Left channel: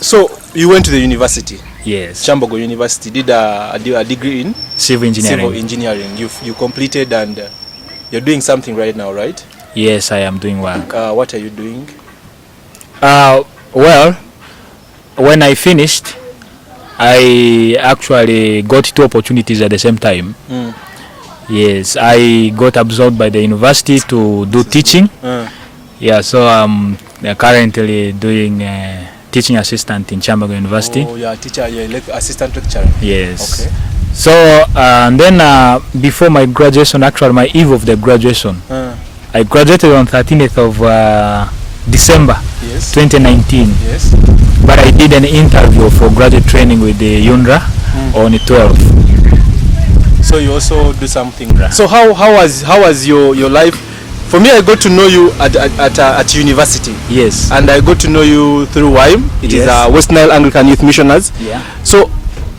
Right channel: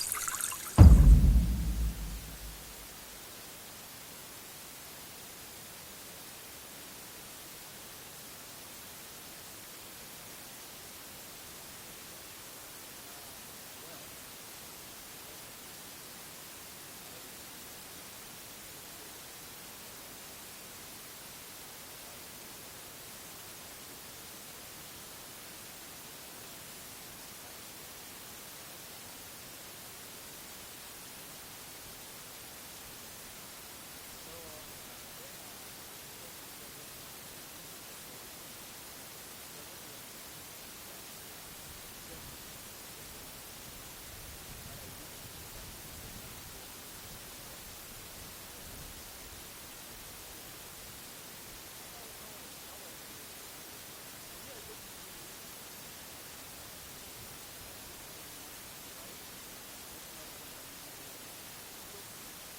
So you went to the university? Yes. Chambogo University, did a degree in civil engineering. Civil engineering. You completed, and you're doing something right now, right? Yes, I am doing work. What are you doing? Well, when I finished, I actually got 2 opportunities at the same time. Yes, I got absorbed by the university to do teaching. Yeah, so I'm currently doing teaching assistant in Chambogo University. Oh, you're a teacher, you're assistant lecturer. Yes. Okay. So and then before my graduation, actually my eve of the graduation, I graduated on 13th of December 2019. Yes. But I did an interview for graduate training with the UNRA on the 12th. So you also do something. So how was your life? For me, I got to know you at university. Yes. And I got to know you through WIME. It is West Nile Anglican Youth Missioners. Yeah. So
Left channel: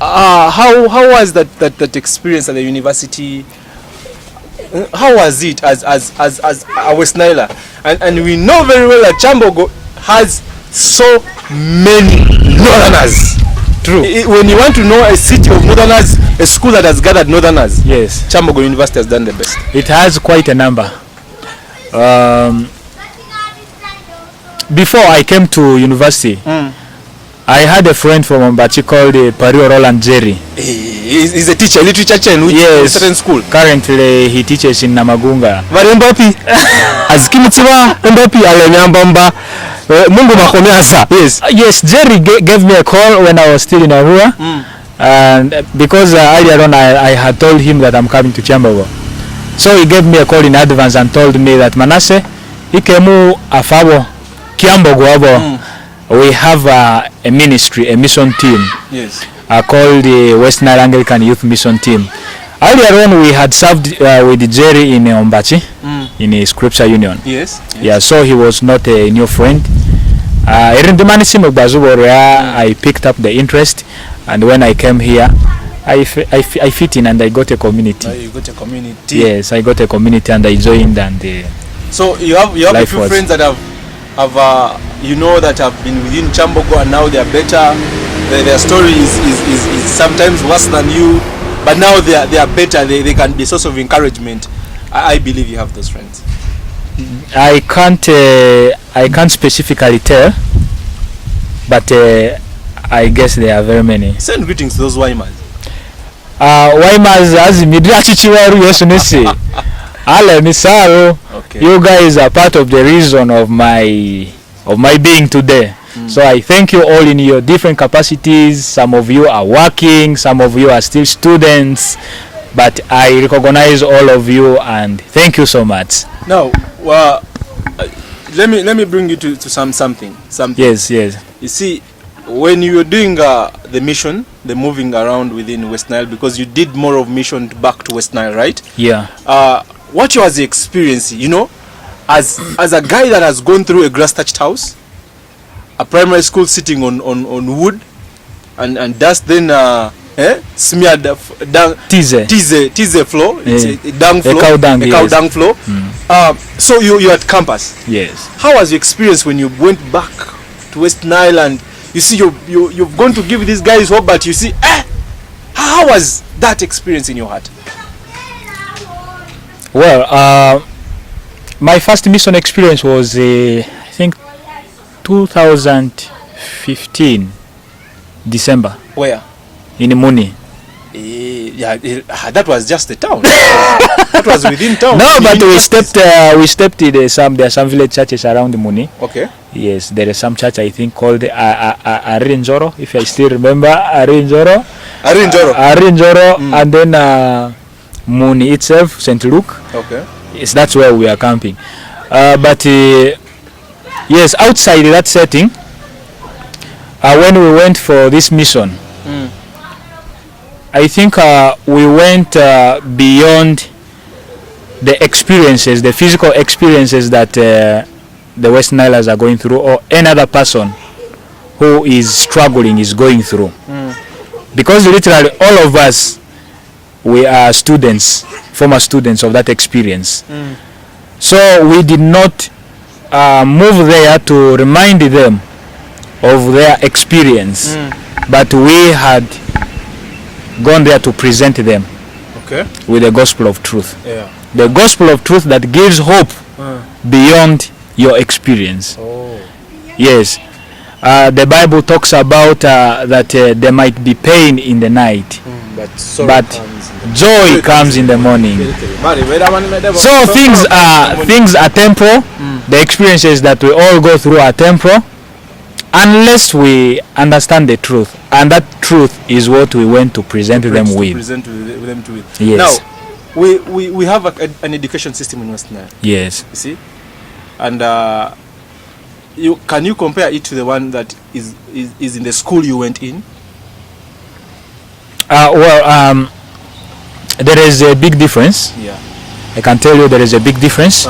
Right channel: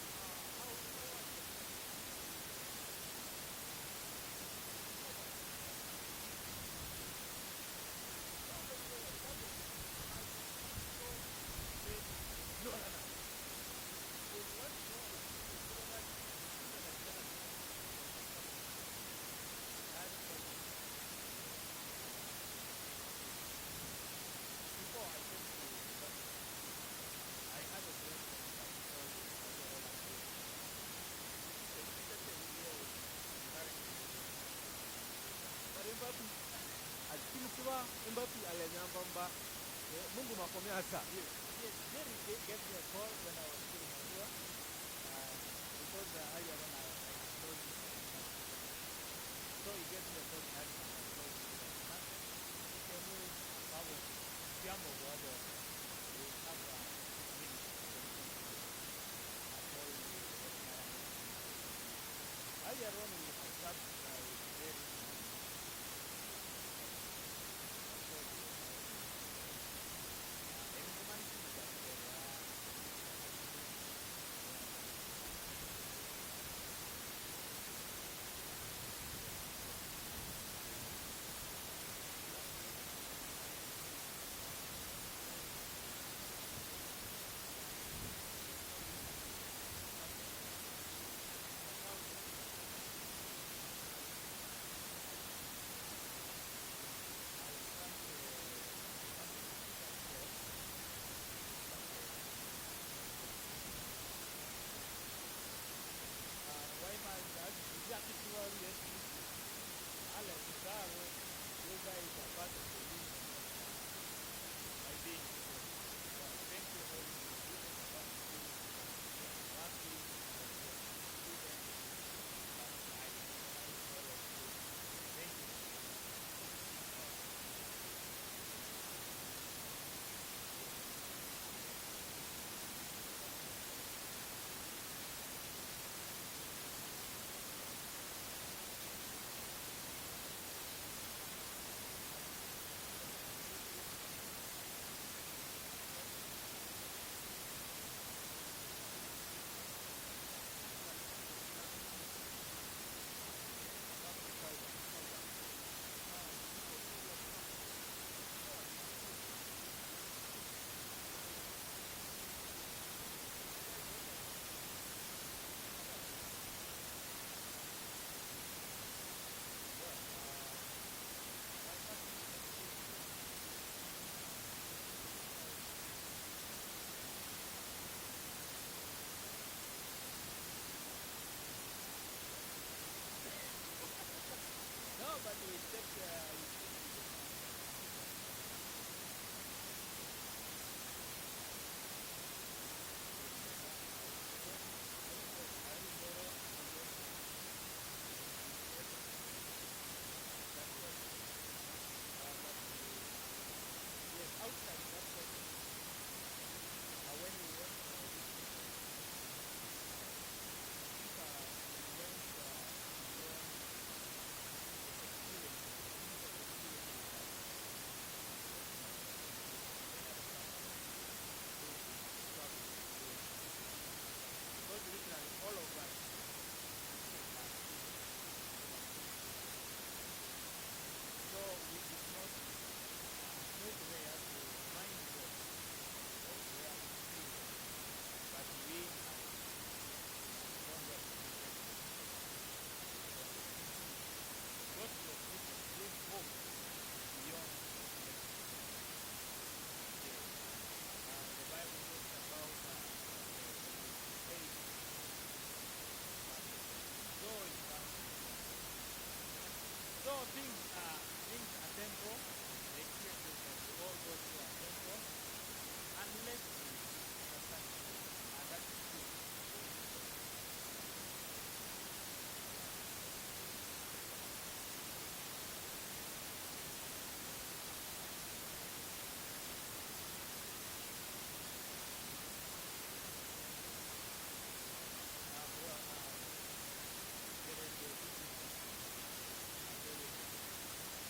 how was that experience at the university? How was it as a West Niler? And we know very well that Chambogo has so many Northerners. True. When you want to know a city of Northerners, a school that has gathered Northerners, yes, Chambogo University has done the best. It has quite a number. Before I came to university, I had a friend from Ombachi called Pario Roland Jerry. He's a teacher, literature teacher in a certain school. Currently, he teaches in Namagunga. Varembapi, azikimitsiwa Mbapi alenyambamba. Mungu makomeasa. Yes. Yes, Jerry gave me a call when I was still in Arua. And because earlier on I had told him that I'm coming to Chambogo. So he gave me a call in advance and told me that Manasseh, ikemu afabo Chambogo abo. We have a ministry, a mission team. Yes. Called the West Nile Anglican Youth Mission Team. Earlier on, we had served with Jerry in Ombachi, in a Scripture Union. Yes. Yeah, so he was not a new friend. I picked up the interest, and when I came here, I fit in and I got a community. You got a community? Yes, I got a community and I joined. And so you have a few friends that have that have been within Chambogo and now they are better. Their story is sometimes worse than you, but now they are better. They can be a source of encouragement. I believe you have those friends. I can't specifically tell, but I guess there are very many. Send greetings to those Waimers. Waimers as Midrachichiwaru Yesunisi. Ale Misaro. You guys are part of the reason of my being today. So I thank you all in your different capacities. Some of you are working, some of you are still students, but I recognize all of you and thank you so much. Now, let me bring you to something. Yes. You see, when you were doing the mission, the moving around within West Nile, because you did more of mission back to West Nile, right? Yeah. What was the experience, as a guy that has gone through a grass-thatched house, a primary school sitting on wood and dust, then smeared dung, tease floor, it's a dung floor, cow dung floor. So you at campus. Yes. How was your experience when you went back to West Nile and you see you've gone to give these guys hope, but you see, how was that experience in your heart? Well, my first mission experience was, I think, 2015, December. Where? In Muni. That was just the town. That was within town. No, but we stepped in there are some village churches around Muni. Okay. Yes, there is some church I think called Arinjoro, if I still remember. Arinjoro. And then Muni itself, St. Luke. Okay. Yes, that's where we are camping. But yes, outside that setting, when we went for this mission, I think we went beyond the experiences, the physical experiences that the West Nilers are going through, or any other person who is struggling is going through. Because literally all of us, we are students, former students of that experience. So we did not move there to remind them of their experience, but we had gone there to present them with the gospel of truth. Yeah. The gospel of truth that gives hope beyond your experience. Oh. Yes. The Bible talks about that there might be pain in the night, but joy comes in the morning. So things are temporal. The experiences that we all go through are temporal, unless we understand the truth, and that truth is what we went to present them with. Yes. Now, we have an education system in West Nile. Yes. You see, and can you compare it to the one that is in the school you went in? There is a big difference. Yeah. I can tell you there is a big difference.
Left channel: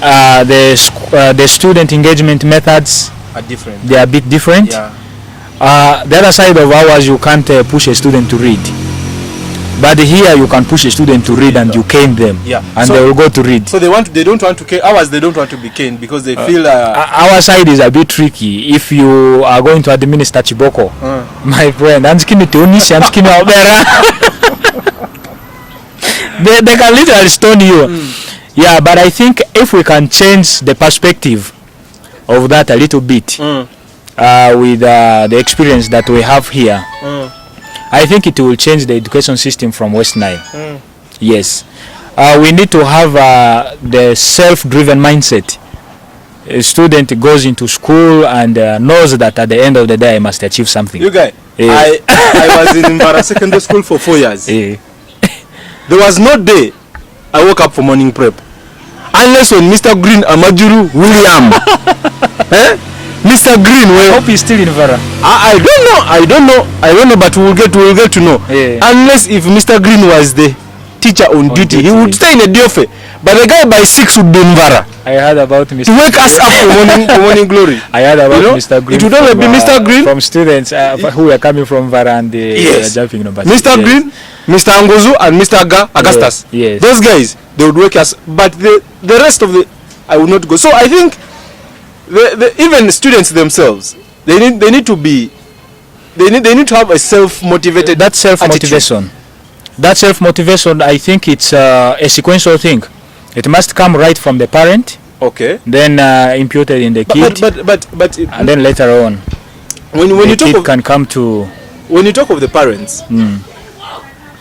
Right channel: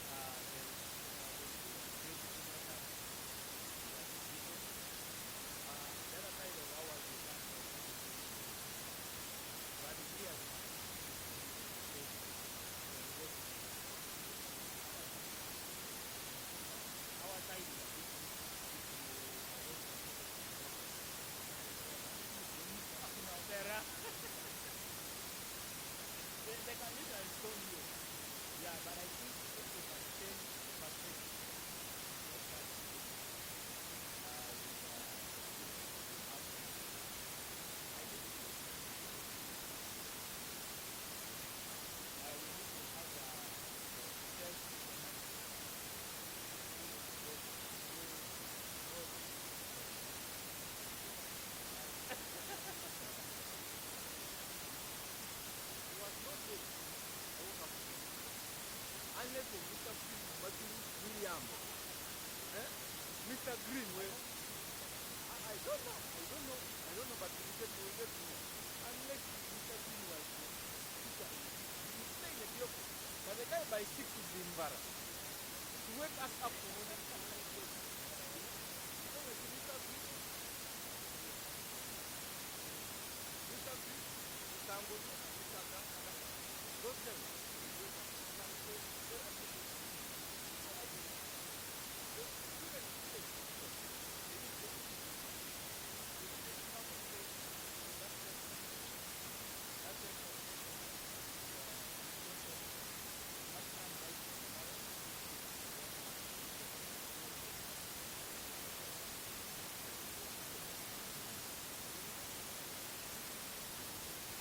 The student engagement methods are different. They are a bit different. Yeah. The other side of ours, you can't push a student to read. But here you can push a student to read and you cane them, and so they will go to read. So they don't want to cane. Ours, they don't want to be caned because they feel. Our side is a bit tricky. If you are going to administer Chiboko, my friend, they can literally stone you. Yeah, but I think if we can change the perspective of that a little bit with the experience that we have here, I think it will change the education system from West Nile. Yes. We need to have the self-driven mindset. A student goes into school and knows that at the end of the day I must achieve something. You guys, I was in Mbara Secondary School for 4 years. There was no day I woke up for morning prep. Unless when Mr. Green Amajuru William Mr. Green, I hope he's still in Vara. I don't know, but we'll get to know. Unless if Mr. Green was the teacher on duty, he would stay in a diofe. But the guy by 6 would be in Vara. I heard about Mr. To wake us up for morning glory. I heard about Mr. Green. It would only be Mr. Green from students who are coming from Vara and jumping. Mr. Green, Mr. Angozu, and Mr. Augustus. Yes. Those guys, they would wake us. But the rest of I would not go. So I think even students themselves, they need to have a self-motivated. That self-motivation. That self-motivation, I think it's a sequential thing. It must come right from the parent. Okay. Then imputed in the kid. But and then later on, when you talk of, can come to. When you talk of the parents,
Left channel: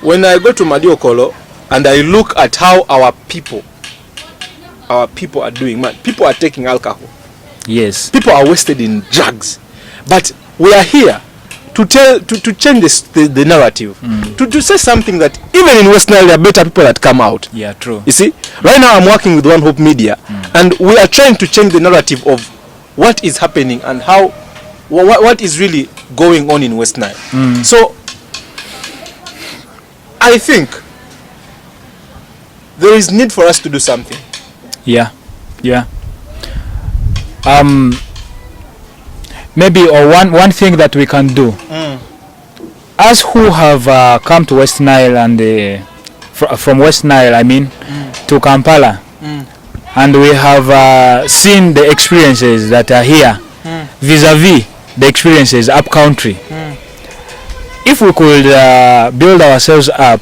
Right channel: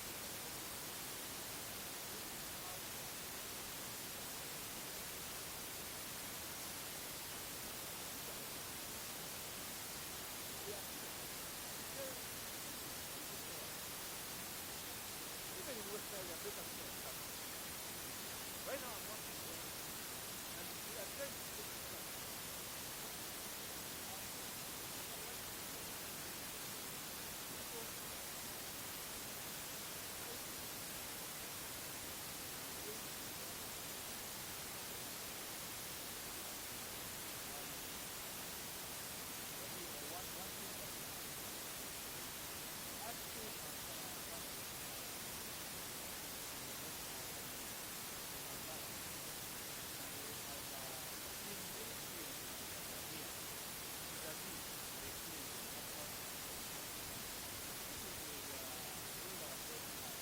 when I go to Madiokolo and I look at how our people are doing, people are taking alcohol. Yes. People are wasted in drugs, but we are here to change the narrative, to say something that even in West Nile there are better people that come out. Yeah, true. You see, right now I'm working with One Hope Media, and we are trying to change the narrative of what is happening and how what is really going on in West Nile. So I think there is need for us to do something. Yeah. Maybe one thing that we can do, us who have come to West Nile and from West Nile, I mean, to Kampala, and we have seen the experiences that are here, vis-a-vis the experiences up country. If we could build ourselves up,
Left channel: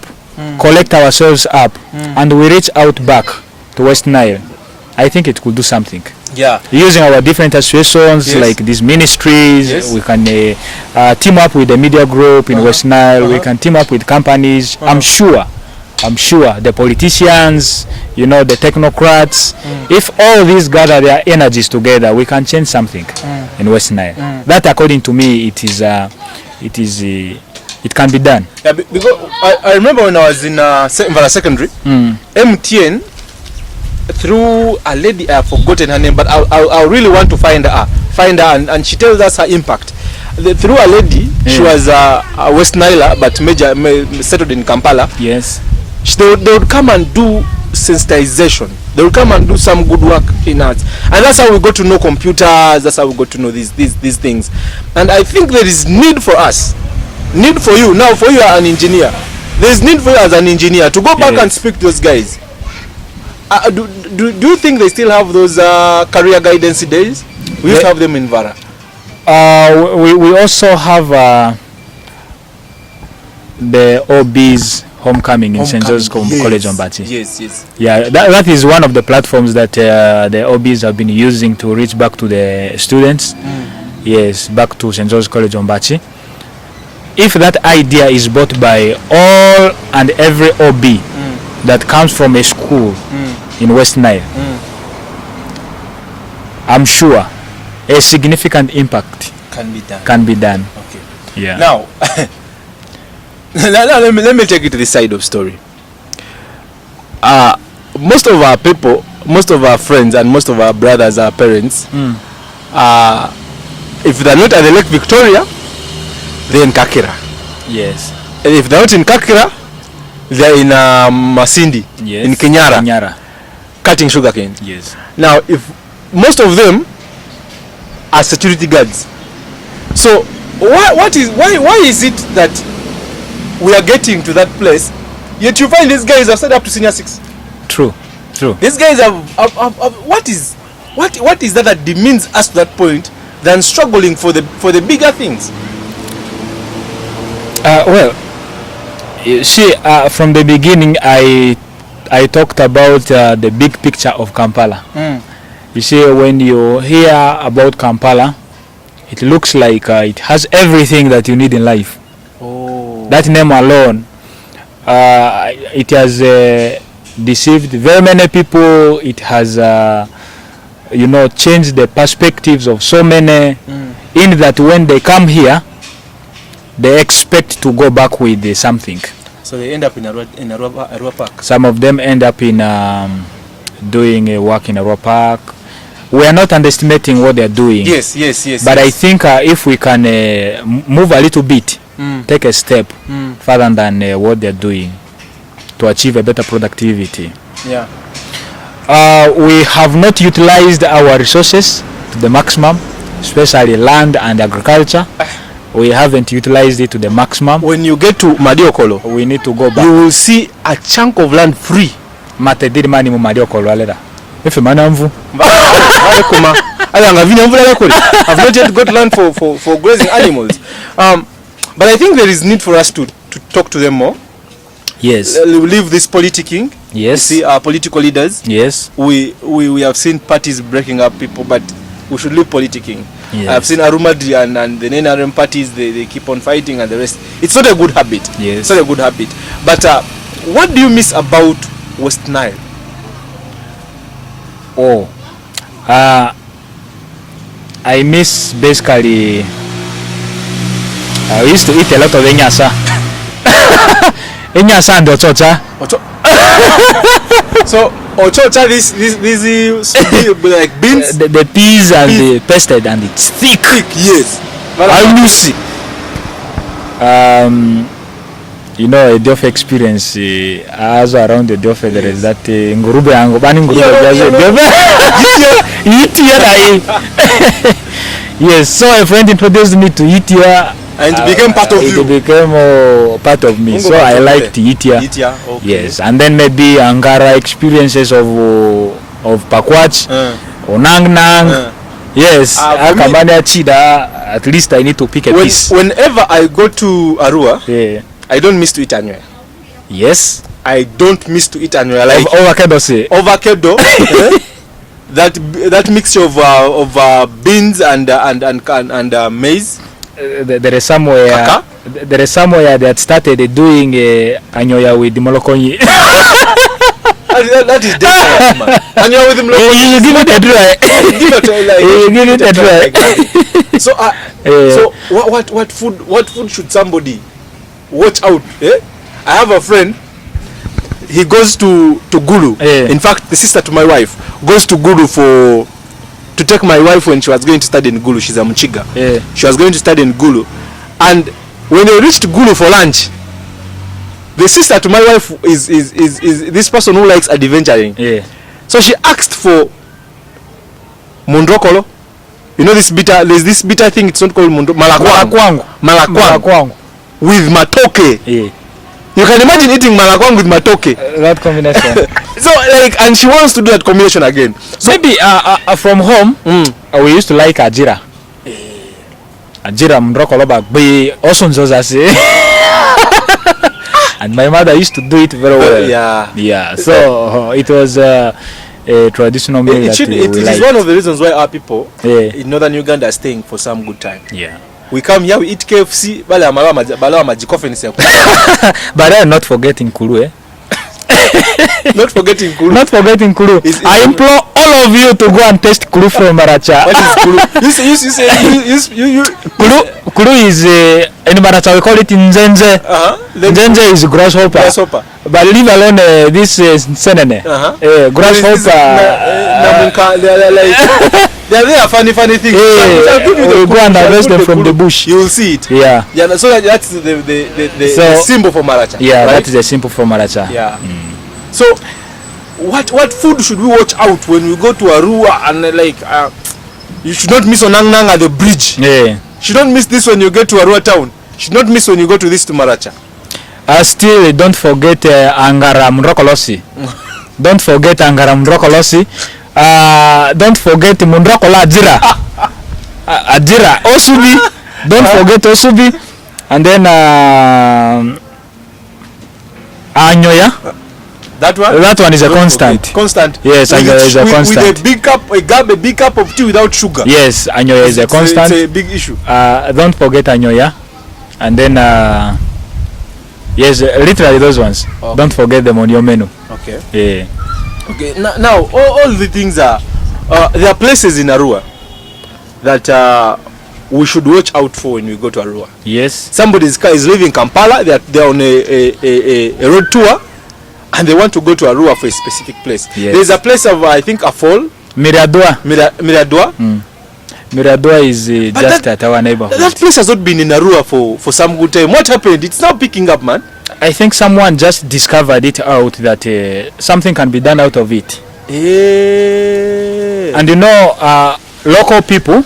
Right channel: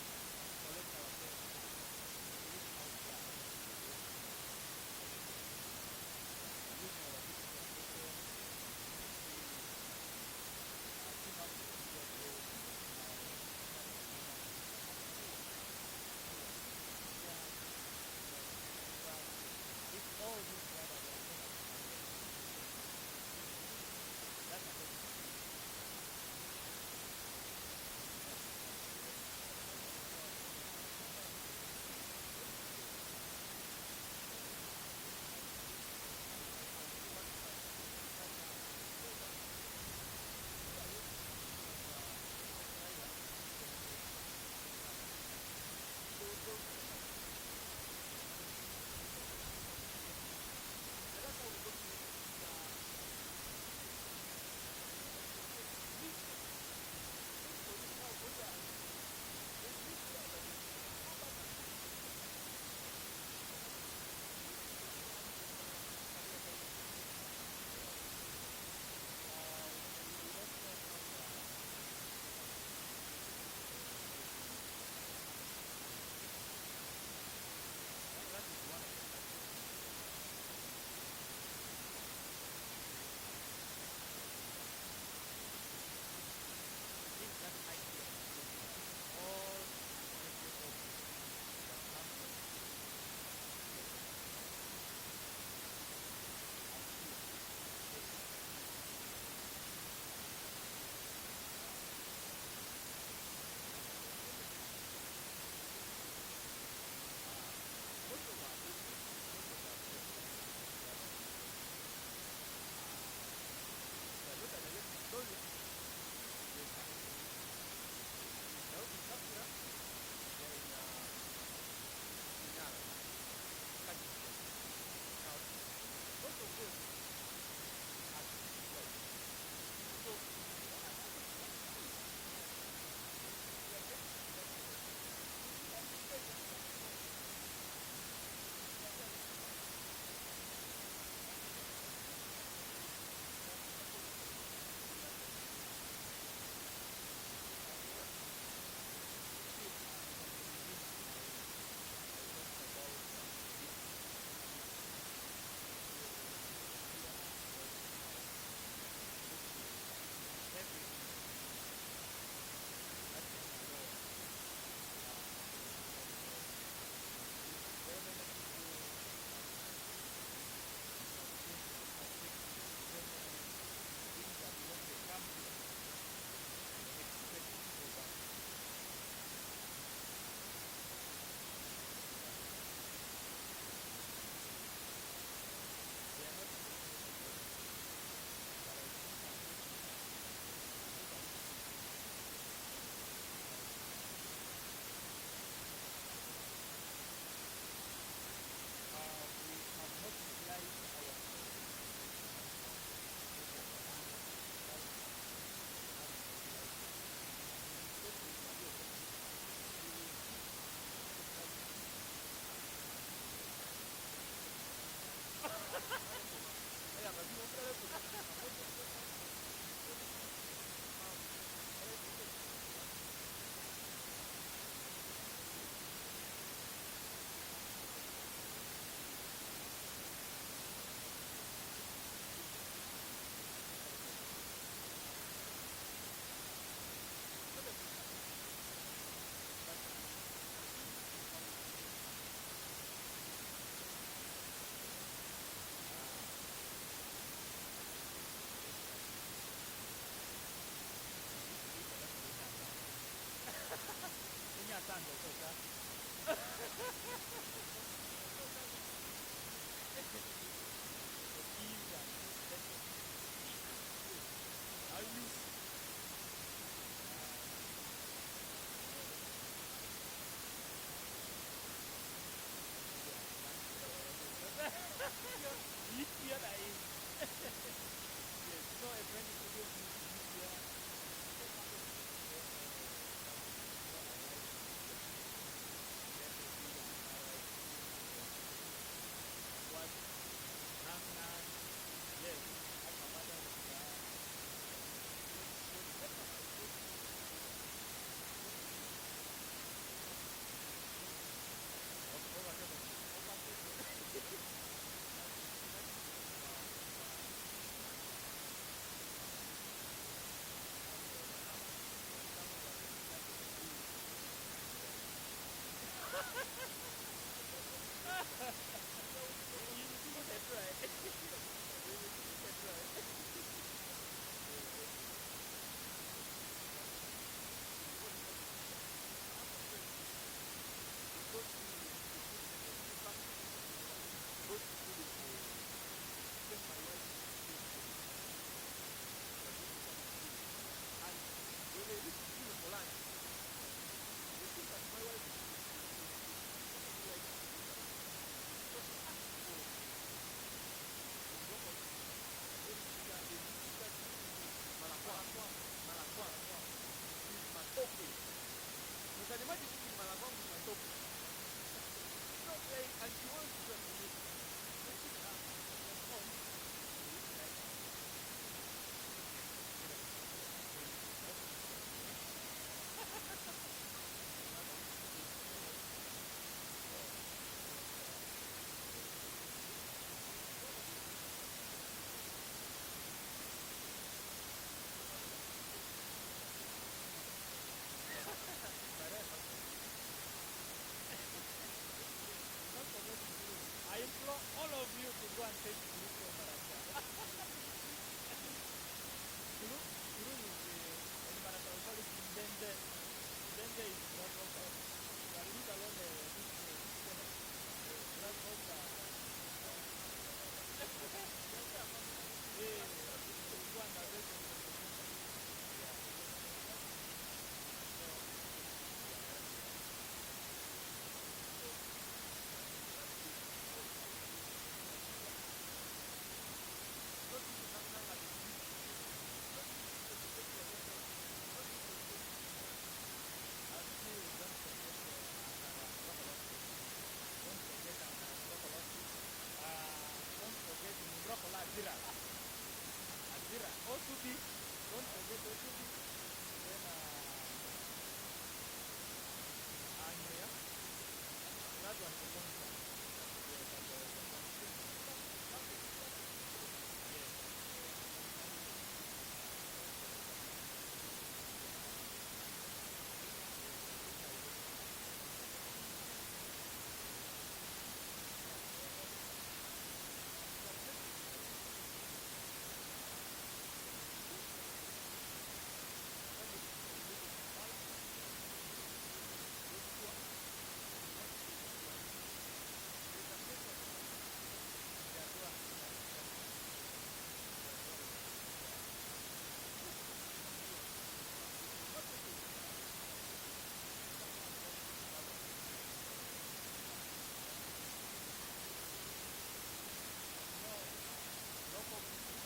collect ourselves up, and we reach out back to West Nile, I think it could do something. Yeah. Using our different associations like these ministries, we can team up with the media group in West Nile. We can team up with companies. I'm sure the politicians, the technocrats. If all these gather their energies together, we can change something in West Nile. That, according to me, it can be done. Yeah, because I remember when I was in Vara Secondary, MTN. Through a lady, I have forgotten her name, but I really want to find her, and she tells us her impact. Through a lady, she was a West Niler, but settled in Kampala. Yes. They would come and do sensitization. They would come and do some good work in arts, and that's how we got to know computers. That's how we got to know these things. And I think there is need for us, need for you now. For you are an engineer, there is need for you as an engineer to go back and speak to those guys. Do you think they still have those career guidance days? We used to have them in Vara. We also have the OB's homecoming in St. Joseph's College on Bati. Yes, yes. Yeah, that is one of the platforms that the OBs have been using to reach back to the students. Yes, back to St. Joseph's College on Bati. If that idea is bought by all and every OB that comes from a school in West Nile, I'm sure a significant impact can be done. Okay. Yeah. Now, let me take you to this side of story. Most of our people, most of our friends, and most of our brothers, our parents, if they're not at the Lake Victoria, they're in Kakira. Yes. And if they're not in Kakira, they're in Masindi, Yes. in Kenyara, cutting sugarcane. Yes. Now, if most of them are security guards, so why is it that we are getting to that place, yet you find these guys have started up to senior 6? True. These guys have what is that demeans us to that point than struggling for the bigger things? Well, you see, from the beginning, I talked about the big picture of Kampala. You see, when you hear about Kampala, it looks like it has everything that you need in life. Oh. That name alone, it has deceived very many people. It has, changed the perspectives of so many. In that when they come here, they expect to go back with something. So they end up in Arua Park. Some of them end up in doing work in Arua Park. We are not underestimating what they are doing. Yes. But I think if we can move a little bit, take a step further than what they are doing to achieve a better productivity. Yeah. We have not utilized our resources to the maximum, especially land and agriculture. We haven't utilized it to the maximum. When you get to Madiokolo, we need to go back. You will see a chunk of land free. Mate did money mu Madiokolo aleda. If manamvu. I've not yet got land for grazing animals. But I think there is need for us to talk to them more. Yes. Leave this politicking. Yes. You see our political leaders. Yes. We have seen parties breaking up people, but we should leave politicking. Yes. I've seen Arumadi and the NRM parties, they keep on fighting and the rest. It's not a good habit. Yes. It's not a good habit. But what do you miss about West Nile? Oh. I miss basically we used to eat a lot of enyasa. Enyasa and ochocha. So ochocha, this like beans, the peas and the pested and it's thick. Yes. I lucy. A Diof experience as around the Diof there is that ngurube yango bani ngurube Yes, so a friend introduced me to Itia and it became part of you. It became part of me. So I liked Itia. Okay. Yes, and then maybe Angara experiences of Pakwach or Nang Nang. Yes, Chida, at least I need to pick a piece. Whenever I go to Arua, I don't miss to eat anywhere. Yes, I don't miss to eat anywhere. Like avocado. That mixture of beans and maize. There is somewhere that started doing anyoya with the molokonyi. That is different, man. Anyoya with the molokonyi. You give it a try. So what food should somebody watch out? I have a friend. He goes to Gulu. In fact, the sister to my wife goes to Gulu to take my wife when she was going to study in Gulu. She's a Mchiga. She was going to study in Gulu. And when they reached Gulu for lunch, the sister to my wife is this person who likes adventuring. So she asked for Mundrokolo. You know there's this bitter thing, it's not called Malakwang. With matoke. You can imagine eating malakwang with matoke. That combination. So and she wants to do that combination again. So maybe from home we used to like ajira. Ajira mndrokolo bagbe osonzozase. And my mother used to do it very well. Yeah. So it was a traditional meal It is one of the reasons why our people in northern Uganda are staying for some good time. Yeah. We come here, we eat KFC, but I'm not forgetting Kulu, eh? Not forgetting Kulu. Not forgetting Kulu. I implore all of you to go and taste Kulu from Maracha. What is Kulu? Kulu is in Maracha we call it Nzenze. Nzenze is grasshopper. But leave alone this senene. Grasshopper. They are funny things. We go and harvest them from the bush. You will see it. Yeah. So that's the symbol for Maracha. Yeah, right? that is the symbol for Maracha. Yeah. So, what food should we watch out when we go to Arua and you should not miss Onangnang at the bridge. Yeah. Should not miss this when you get to Arua town. Should not miss when you go to this to Maracha. Still, don't forget Angara Mrokolosi. Don't forget Angara Mrokolosi. Don't forget Mundrokola Ajira. Ajira. Osubi. Don't forget Osubi. And then Anyoya. That one? That one is a constant. Constant. Yes, Anyoya is a constant. With a big cup of tea without sugar. Yes, Anyoya is a constant. It's a big issue. Don't forget Anyoya. And then yes, literally those ones. Okay. Don't forget them on your menu. Okay. Yeah. Okay. Now all the things are there are places in Arua that we should watch out for when we go to Arua. Yes. Somebody's car is leaving Kampala. They're on a road tour, and they want to go to Arua for a specific place. Yes. There's a place of I think a fall. Miradua. Miradua. Miradua is just at our neighborhood. That place has not been in Arua for some good time. What happened? It's now picking up, man. I think someone just discovered it out that something can be done out of it. Yeah. And you know, local people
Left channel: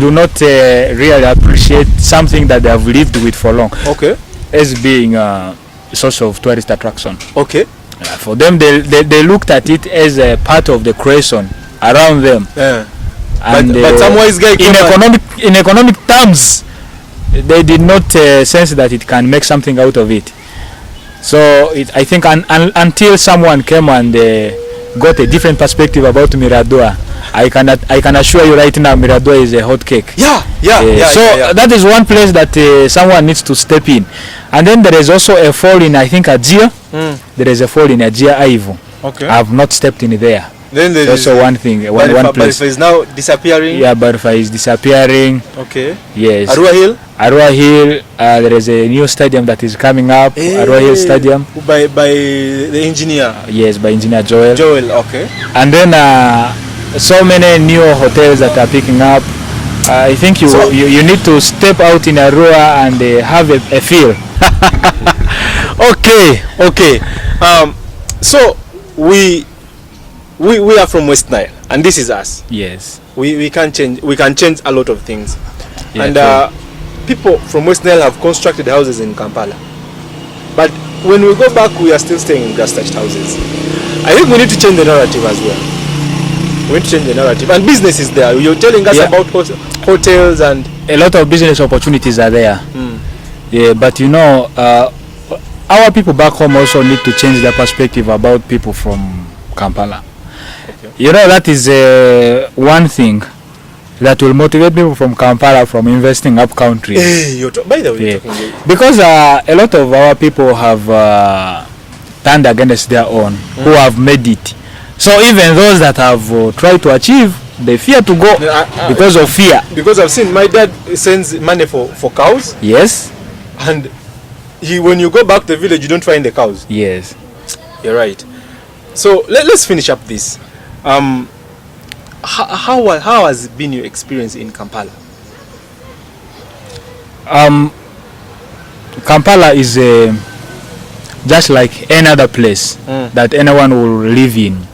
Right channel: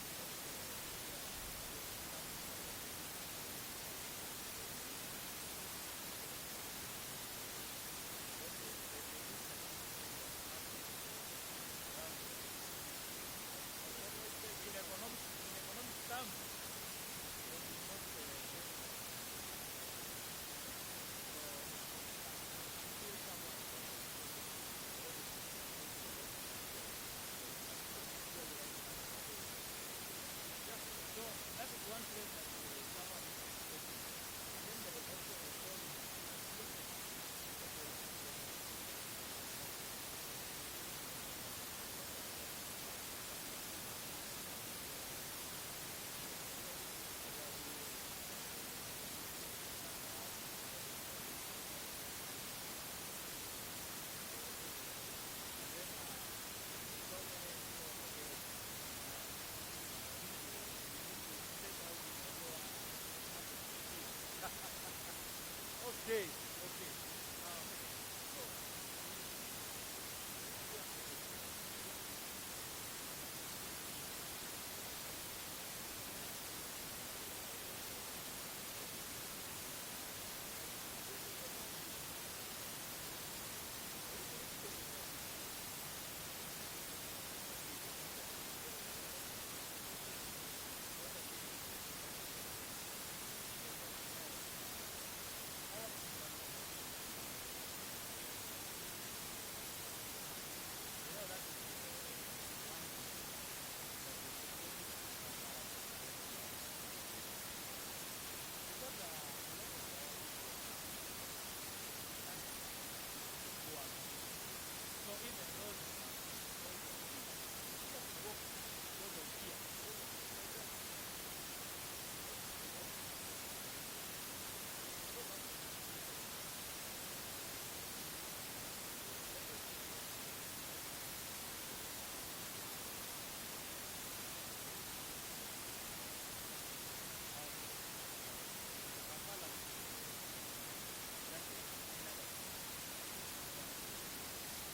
do not really appreciate something that they have lived with for long. Okay. As being a source of tourist attraction. Okay. For them, they looked at it as a part of the creation around them. Yeah. And but some wise guy in economic terms, they did not sense that it can make something out of it. So I think until someone came and got a different perspective about Miradua, I can assure you right now Miradua is a hot cake. Yeah. That is one place that someone needs to step in. And then there is also a fall in I think Ajia. There is a fall in Ajia Aivu. Okay. I have not stepped in there. Then there is also one thing, one place. Barifa is now disappearing. Yeah, Barifa is disappearing. Okay. Yes. Arua Hill. Arua Hill. There is a new stadium that is coming up. Arua Hill Stadium. By the engineer. Yes, by engineer Joel. Okay. And then so many new hotels that are picking up. I think you need to step out in Arua and have a feel. Okay. So we are from West Nile, and this is us. Yes. We can change a lot of things. Yeah, and people from West Nile have constructed houses in Kampala. But when we go back, we are still staying in grass-thatched houses. I think we need to change the narrative as well. We need to change the narrative. And business is there. You're telling us about hotels and... A lot of business opportunities are there. Yeah, but you know, our people back home also need to change their perspective about people from Kampala. Okay. You know, that is one thing that will motivate people from Kampala from investing up country. By the way, because a lot of our people have turned against their own, who have made it. So even those that have tried to achieve, they fear to go because of fear. Because I've seen my dad sends money for cows. Yes. And when you go back to the village, you don't find the cows. Yes. You're right. So let's finish up this. How has been your experience in Kampala? Kampala is just like any other place that anyone will live in.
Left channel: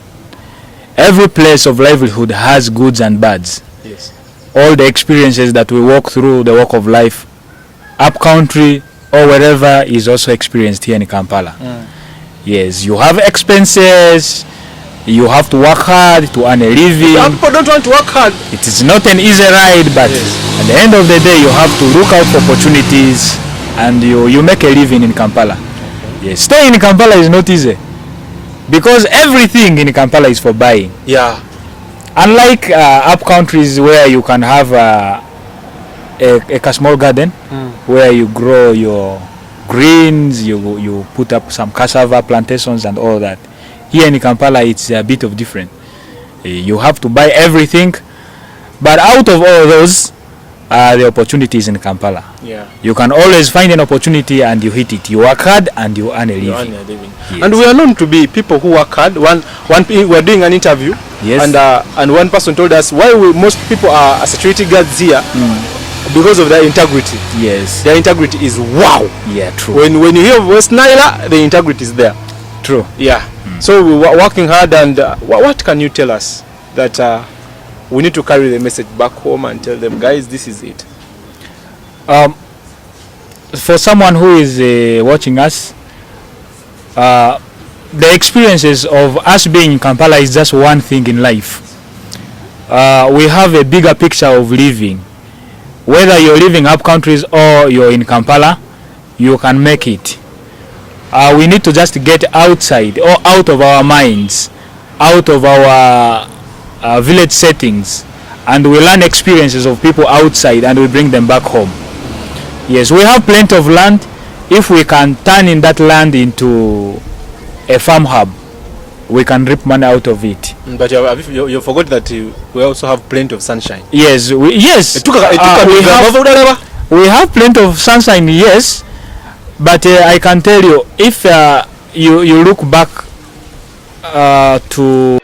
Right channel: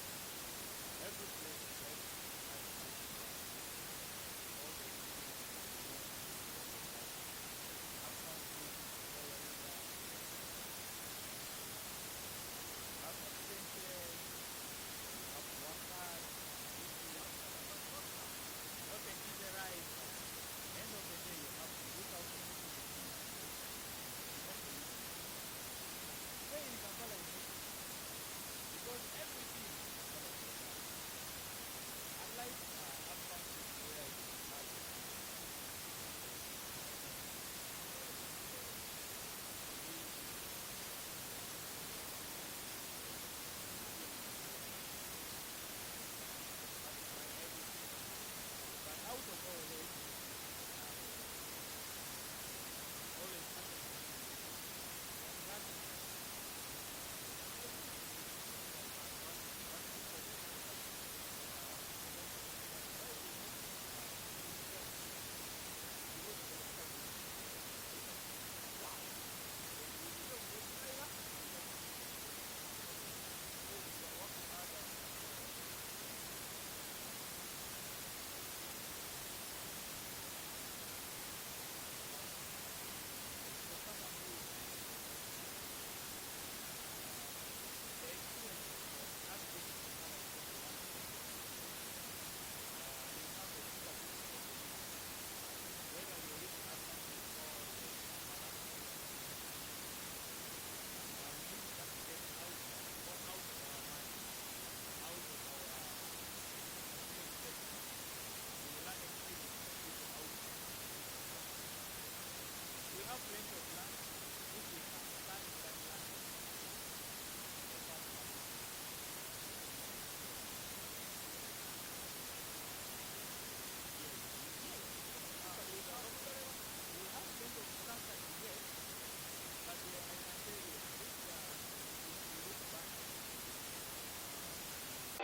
Every place of livelihood has goods and bads. Yes. All the experiences that we walk through the walk of life, up country or wherever, is also experienced here in Kampala. Yes, you have expenses. You have to work hard to earn a living. Some people don't want to work hard. It is not an easy ride, but At the end of the day, you have to look out for opportunities, and you make a living in Kampala. Yes, staying in Kampala is not easy because everything in Kampala is for buying. Yeah. Unlike up countries where you can have a small garden where you grow your greens, you put up some cassava plantations and all that. Here in Kampala, it's a bit of different. You have to buy everything, but out of all those, the opportunities in Kampala. Yeah. You can always find an opportunity and you hit it. You work hard and you earn a living. Yes. And we are known to be people who work hard. We were doing an interview, yes, and one person told us why most people are security guards here because of their integrity. Yes. Their integrity is wow. Yeah, true. When you hear of West Nile, the integrity is there. True. Yeah. So we were working hard, and what can you tell us that we need to carry the message back home and tell them, guys, this is it? For someone who is watching us, the experiences of us being in Kampala is just one thing in life. We have a bigger picture of living. Whether you're living up countries or you're in Kampala, you can make it. We need to just get outside or out of our minds, out of our village settings, and we learn experiences of people outside and we bring them back home. Yes, we have plenty of land. If we can turn in that land into a farm hub, we can reap money out of it. But you forgot that we also have plenty of sunshine. Yes, we have plenty of sunshine, yes, but I can tell you, if you look back to